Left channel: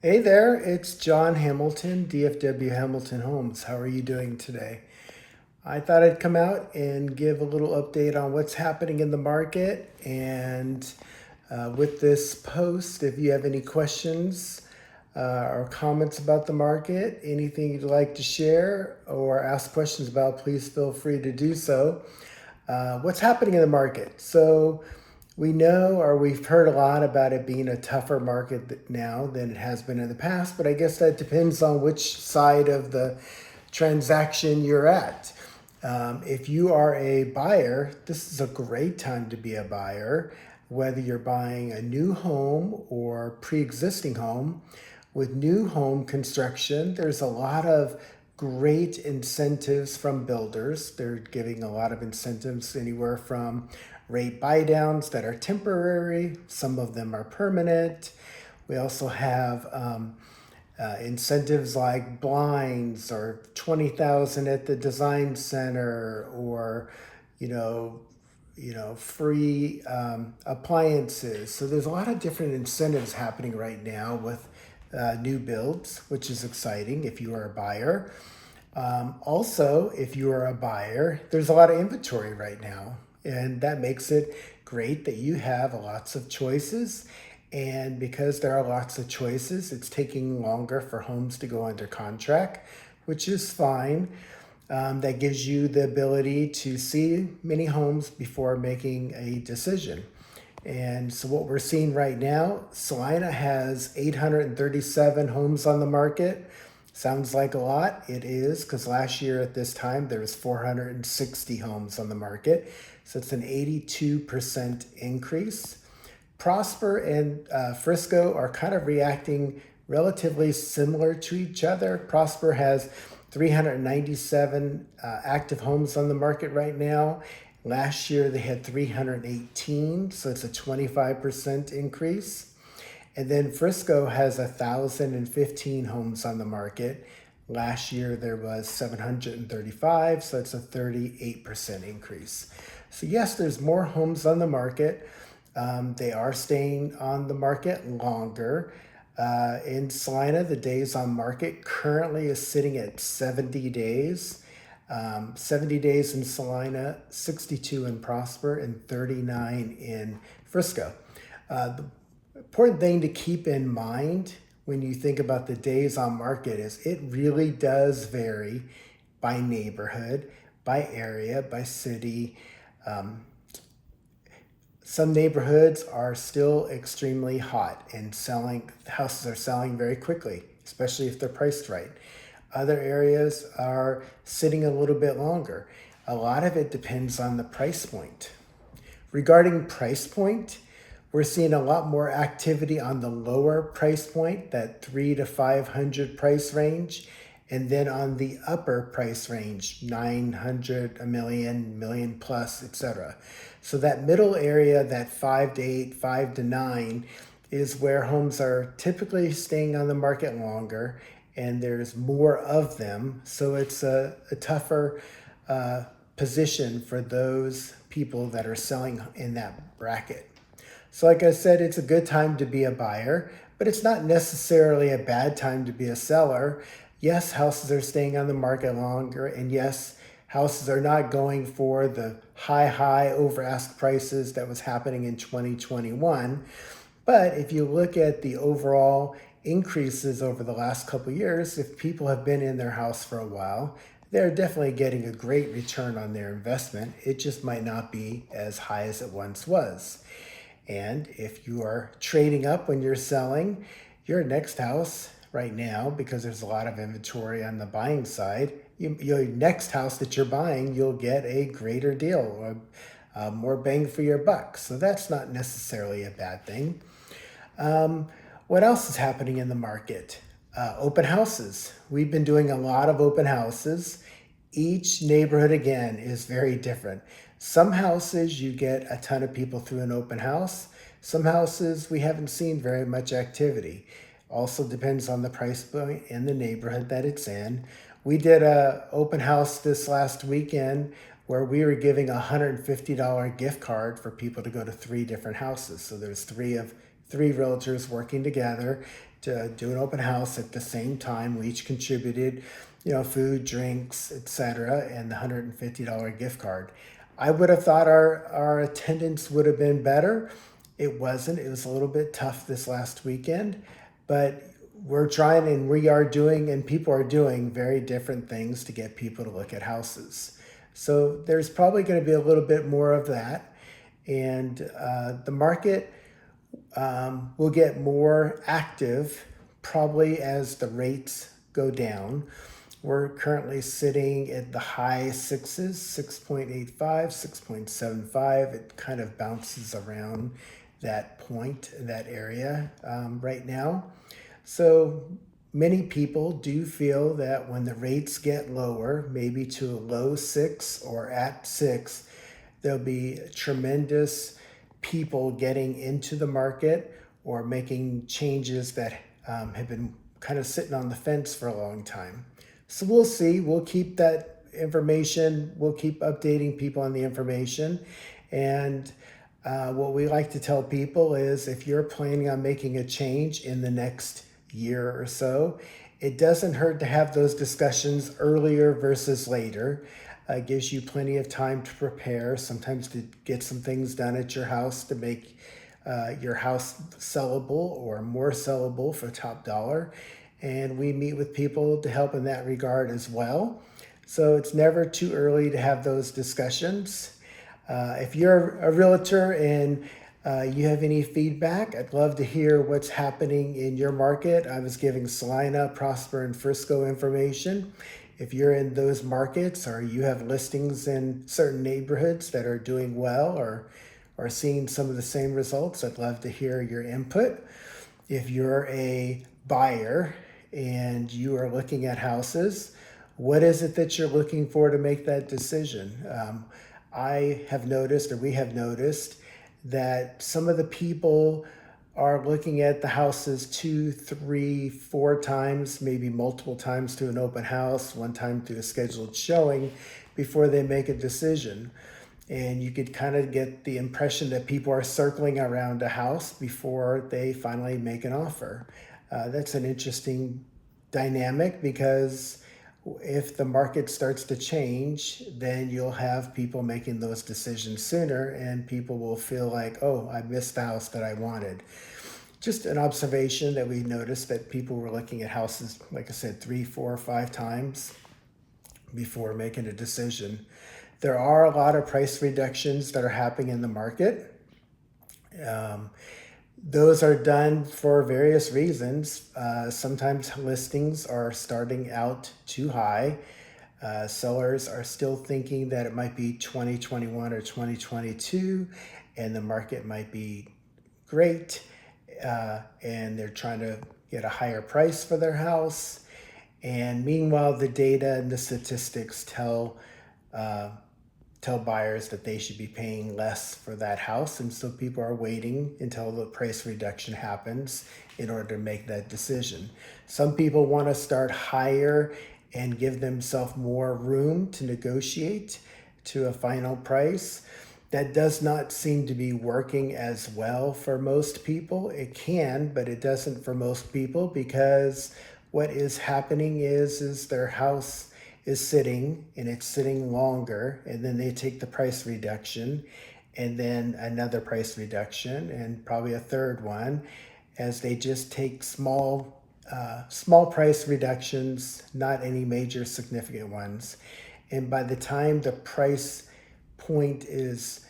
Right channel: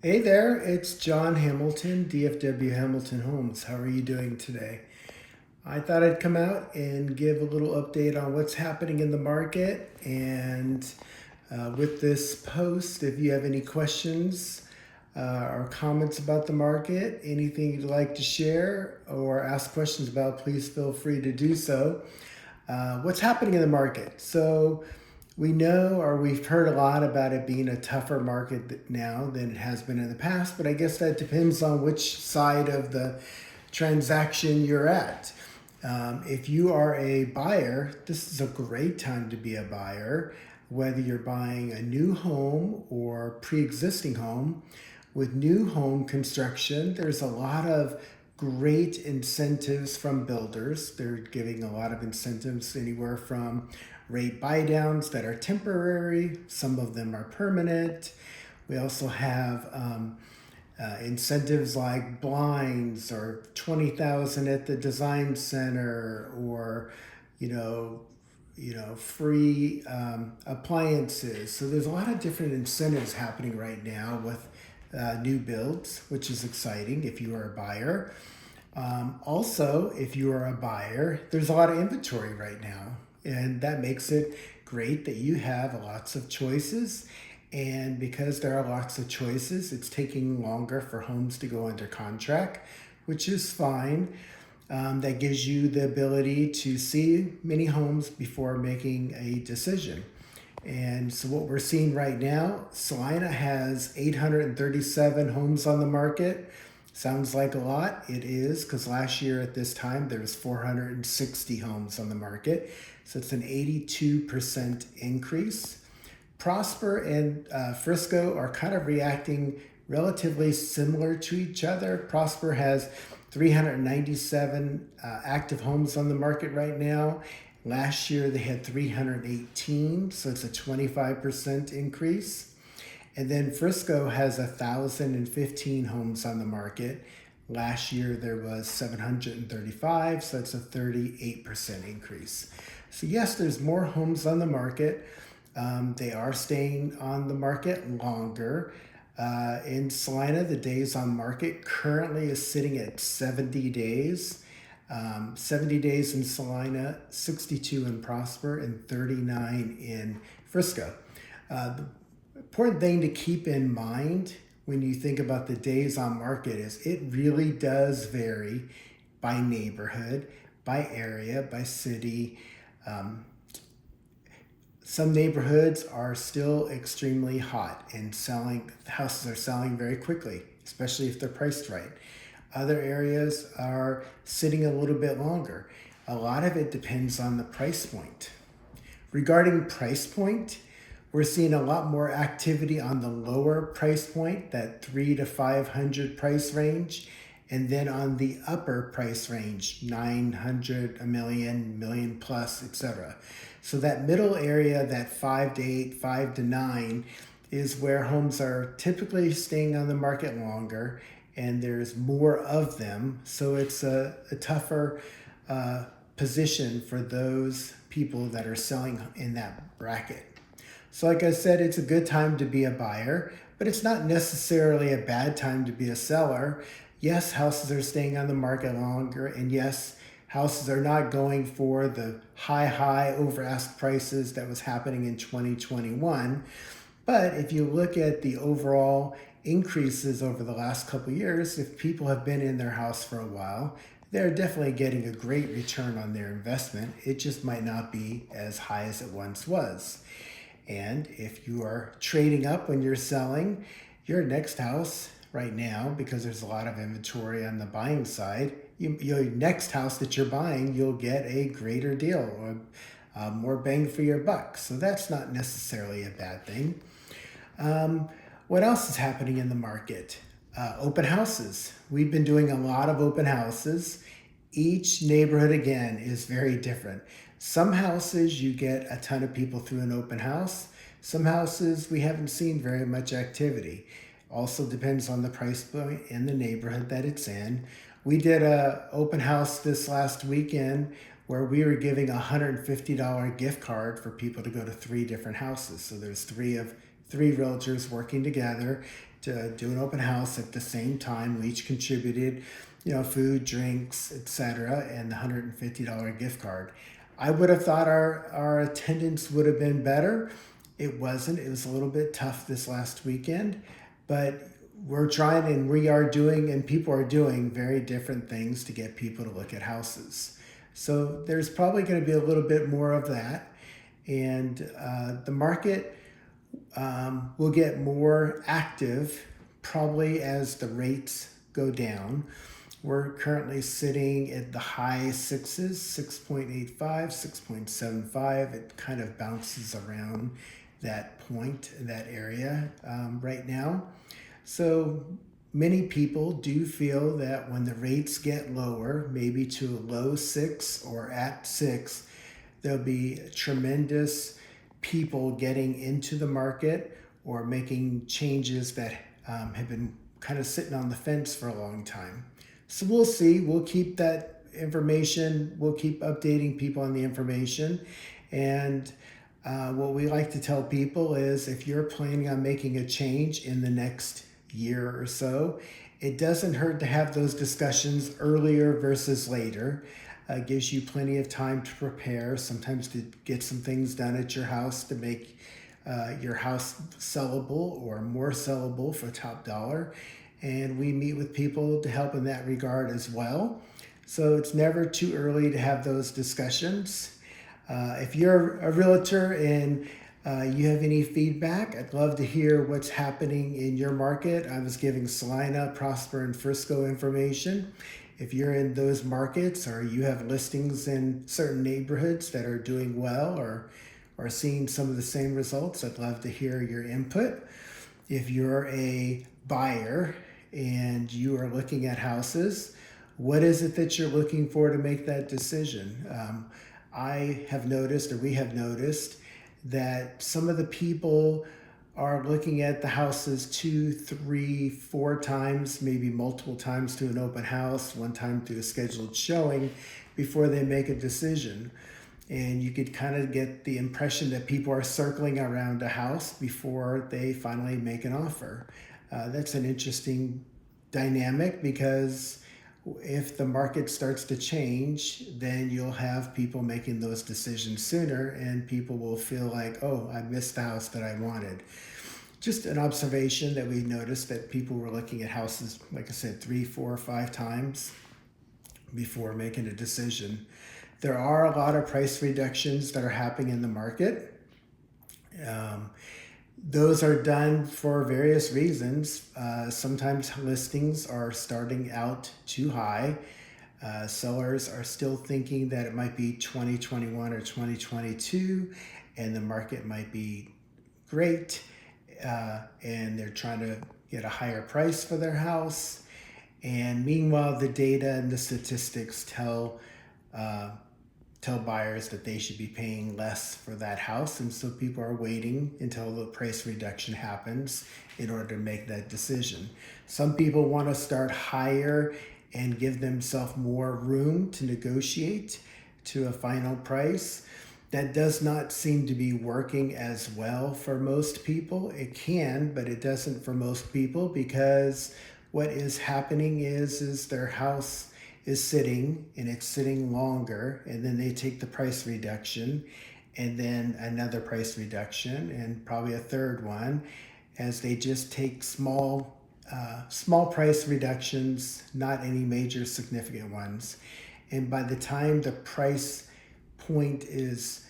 Hey there, it's John Hamilton, DFW Hamilton Homes. How are you doing today? I thought I'd come out and give a little update on what's happening in the market. And with this post, if you have any questions or comments about the market, anything you'd like to share or ask questions about, please feel free to do so. What's happening in the market? So we know, or we've heard a lot about it being a tougher market now than it has been in the past, but I guess that depends on which side of the transaction you're at. If you are a buyer, this is a great time to be a buyer, whether you're buying a new home or pre-existing home. With new home construction, there's a lot of great incentives from builders. They're giving a lot of incentives anywhere from rate buy downs that are temporary, some of them are permanent. We also have incentives like blinds or 20,000 at the design center, or you know free appliances. So there's a lot of different incentives happening right now with new builds, which is exciting if you are a buyer. Also, if you are a buyer, there's a lot of inventory right now, and that makes it great that you have lots of choices. And because there are lots of choices, it's taking longer for homes to go under contract, which is fine. That gives you the ability to see many homes before making a decision. And so what we're seeing right now, Celina has 837 homes on the market. Sounds like a lot. It is, because last year at this time there was 460 homes on the market. So it's an 82% increase. Prosper and Frisco are kind of reacting relatively similar to each other. Prosper has 397 active homes on the market right now. Last year they had 318, so it's a 25% increase. And then Frisco has 1,015 homes on the market. Last year there was 735, so it's a 38% increase. So yes, there's more homes on the market. They are staying on the market longer. In Celina, the days on market currently is sitting at 70 days. 70 days in Celina, 62 in Prosper, and 39 in Frisco. The important thing to keep in mind when you think about the days on market is it really does vary by neighborhood, by area, by city. Some neighborhoods are still extremely hot and houses are selling very quickly, especially if they're priced right. Other areas are sitting a little bit longer. A lot of it depends on the price point. Regarding price point, we're seeing a lot more activity on the lower price point, that 300 to 500 price range, and then on the upper price range, 900, a million plus, etc. So that middle area, that 5 to 8, 5 to 9, is where homes are typically staying on the market longer, and there's more of them. So it's a tougher position for those people that are selling in that bracket. So like I said, it's a good time to be a buyer, but it's not necessarily a bad time to be a seller. Yes, houses are staying on the market longer, and yes, houses are not going for the high over ask prices that was happening in 2021. But if you look at the overall increases over the last couple of years, if people have been in their house for a while, they're definitely getting a great return on their investment. It just might not be as high as it once was. And if you are trading up when you're selling, your next house right now, because there's a lot of inventory on the buying side, your next house that you're buying, you'll get a greater deal, or more bang for your buck. So that's not necessarily a bad thing. What else is happening in the market? Open houses. We've been doing a lot of open houses. Each neighborhood, again, is very different. Some houses you get a ton of people through an open house. Some houses we haven't seen very much activity. Also depends on the price point and the neighborhood that it's in. We did an open house this last weekend where we were giving a $150 gift card for people to go to 3 different houses. So there's three realtors working together, to do an open house at the same time. We each contributed, food, drinks, etc., and the $150 gift card. I would have thought our attendance would have been better. It wasn't. It was a little bit tough this last weekend, but we're trying, and we are doing, and people are doing very different things to get people to look at houses. So there's probably going to be a little bit more of that. And the market will get more active probably as the rates go down. We're currently sitting at the high sixes, 6.85, 6.75. It kind of bounces around that point, that area right now. So many people do feel that when the rates get lower, maybe to a low 6 or at 6, there'll be tremendous people getting into the market or making changes that have been kind of sitting on the fence for a long time. So we'll see. We'll keep that information. We'll keep updating people on the information. And what we like to tell people is if you're planning on making a change in the next year or so, it doesn't hurt to have those discussions earlier versus later. Gives you plenty of time to prepare, sometimes to get some things done at your house to make your house sellable or more sellable for top dollar. And we meet with people to help in that regard as well. So it's never too early to have those discussions. If you're a realtor and you have any feedback, I'd love to hear what's happening in your market. I was giving Salina, Prosper, and Frisco information. If you're in those markets or you have listings in certain neighborhoods that are doing well or are seeing some of the same results, I'd love to hear your input. If you're a buyer and you are looking at houses, what is it that you're looking for to make that decision? I have noticed, or we have noticed, that some of the people are looking at the houses 2, 3, 4 times, maybe multiple times to an open house, one time through a scheduled showing before they make a decision. And you could kind of get the impression that people are circling around a house before they finally make an offer. That's an interesting dynamic because if the market starts to change, then you'll have people making those decisions sooner and people will feel like, oh, I missed the house that I wanted. Just an observation that we noticed that people were looking at houses, like I said, 3, 4, 5 times before making a decision. There are a lot of price reductions that are happening in the market. Those are done for various reasons. Sometimes listings are starting out too high. Sellers are still thinking that it might be 2021 or 2022 and the market might be great and they're trying to get a higher price for their house. And meanwhile, the data and the statistics tell buyers that they should be paying less for that house. And so people are waiting until the price reduction happens in order to make that decision. Some people want to start higher and give themselves more room to negotiate to a final price. That does not seem to be working as well for most people. It can, but it doesn't for most people because what is happening is their house is sitting and it's sitting longer, and then they take the price reduction and then another price reduction and probably a third one as they just take small price reductions, not any major significant ones. And by the time the price point is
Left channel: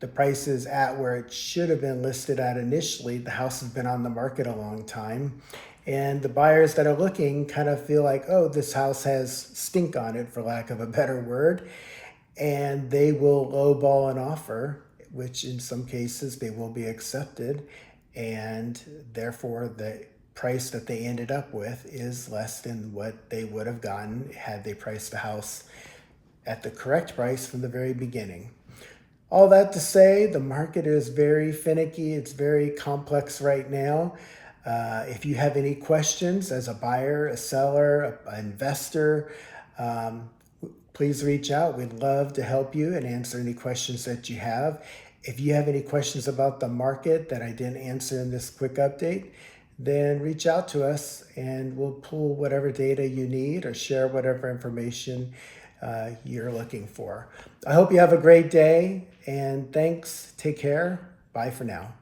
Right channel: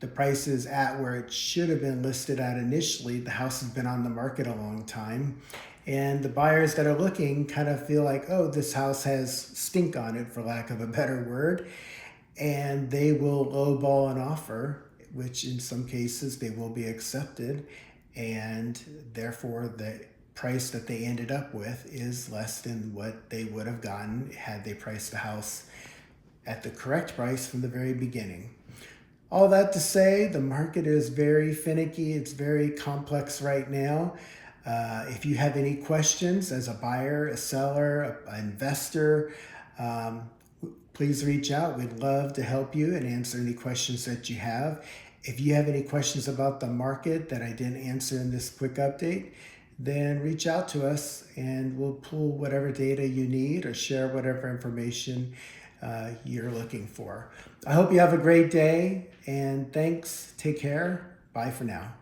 the price is at where it should have been listed at initially, the house has been on the market a long time. And the buyers that are looking kind of feel like, oh, this house has stink on it, for lack of a better word. And they will lowball an offer, which in some cases they will be accepted. And therefore, the price that they ended up with is less than what they would have gotten had they priced the house at the correct price from the very beginning. All that to say, the market is very finicky. It's very complex right now. If you have any questions as a buyer, a seller, an investor, please reach out. We'd love to help you and answer any questions that you have. If you have any questions about the market that I didn't answer in this quick update, then reach out to us and we'll pull whatever data you need or share whatever information you're looking for. I hope you have a great day, and thanks. Take care. Bye for now.